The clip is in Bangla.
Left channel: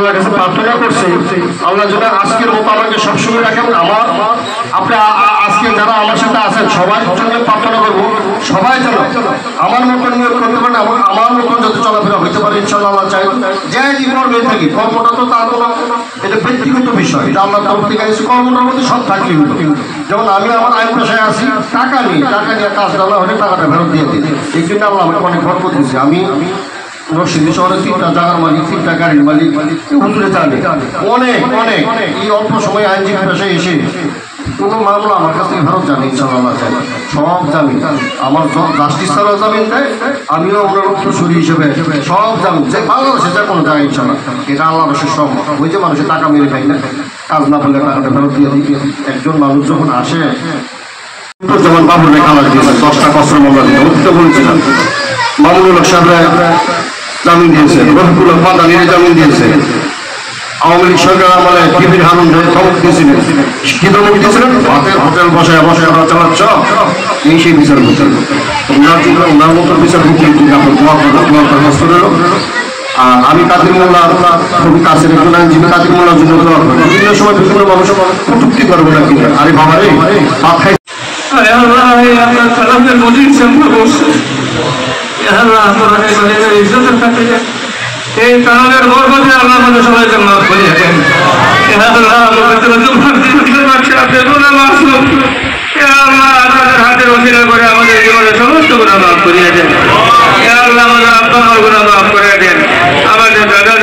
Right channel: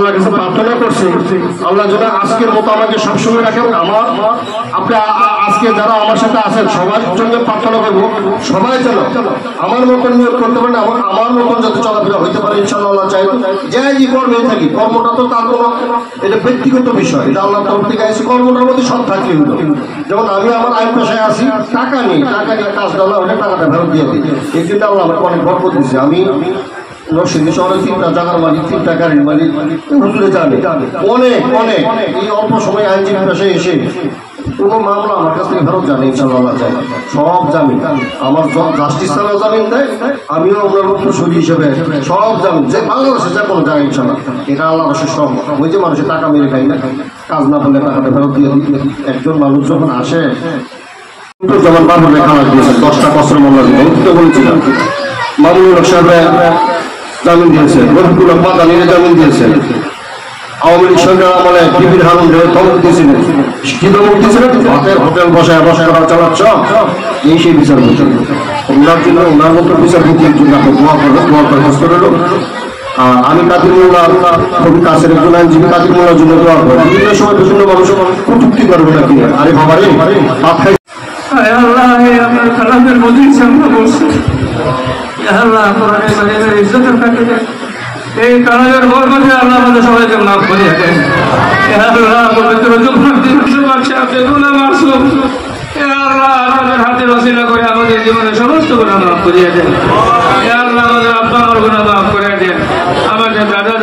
আল্লাহর কাছে প্রার্থনা করছি আল্লাহ যেন আজকের মতো আমাকে সবসময় রাখেন। আপনি আজকে যারা আমার সাথে আছেন সবার জন্য প্রার্থনা করবো, সবাই যেন আমার মতন নিয়োগ করতে পারেন এবং আমার মতন যত চলাফেরা হইতে পারে ইনশাআল্লাহ। আল্লাহ চাই যে কর্মে থাকি, কর্মটা তো তার কোনো এটা ব্যক্তিগত বিষয়, এটা আল্লাহর তরফ থেকে আসছে। কর্মটার মধ্যে সব থাকলে হলো। যেমন আমি আমার আইন পেশায় আসি, টাকা নিয়ে কাজ আল্লাহ অনেক টাকাটা ফেরত দিয়ে দিই। এই জন্য আল্লাহ আমাকে অনেক বরকত দিয়েছে। আমি নরসিংদী শহরে 3টা জায়গার মালিক, 3টা গাড়ির মালিক, হুজুরে জানে অনেক অনেক এই অল্প সময় আইনজীবী পেশায় এসে কোনো মামলা আমার কাছ থেকে ফেরত জানি ইনশাআল্লাহ। সব জামিন আমার জাস্টিস ছাড়াও জামিন দেয়, আমিও আমরা উত্তরসূরি হিসেবে সব জামিন যে বাংলাদেশে যে কোনো জায়গায় ইনশাআল্লাহ। এটা আল্লাহ রসের সব ওই যে মানুষের টাকা মেরে খাই না, কাজ না পেলে টাকাটা ফেরত দিয়ে দিই। একজন মানুষ যখন আসে যেমন বাবুর খালাস দিয়েছে 10টা কসর মামলা দিতে অতীতে বলেছিলাম, মামুনুল হক সাহেবরা জামিন দিয়েছে, রফিকুল হক বাদানিরে জামিন দিয়েছে, আওয়ামী লীগ সরকার আমলে টিভির হারুন ধমক দিয়েছিলেন। কি ধমক দিয়েছিলেন? হোটেল বসায় বসায় চালাচ্ছ, এই সেই বিচার করছেন ওনার জন্য। ওনার মতো বিচার করতে আর আমি কাদির মোল্লা খুবই কাছের একজন আইনজীবী, কাদির মোল্লার জন্য দোয়া করি। বিভিন্ন সময় বিভিন্ন মানুষ কটূক্তি করবো নাকি, আরে বাবা রে ভাত খাই এই তাদের বরকতে আল্লাহ আমাদের সবাইকে মাফ করিয়ে দেন। হাতের ওসিলা করে আমাদের জীবনে সমস্ত গুনাহ মাফ করিয়ে দেন। আল্লাহ আমাদের আপনার গুনাহ মাফ করে দেন। আমাদের দাদা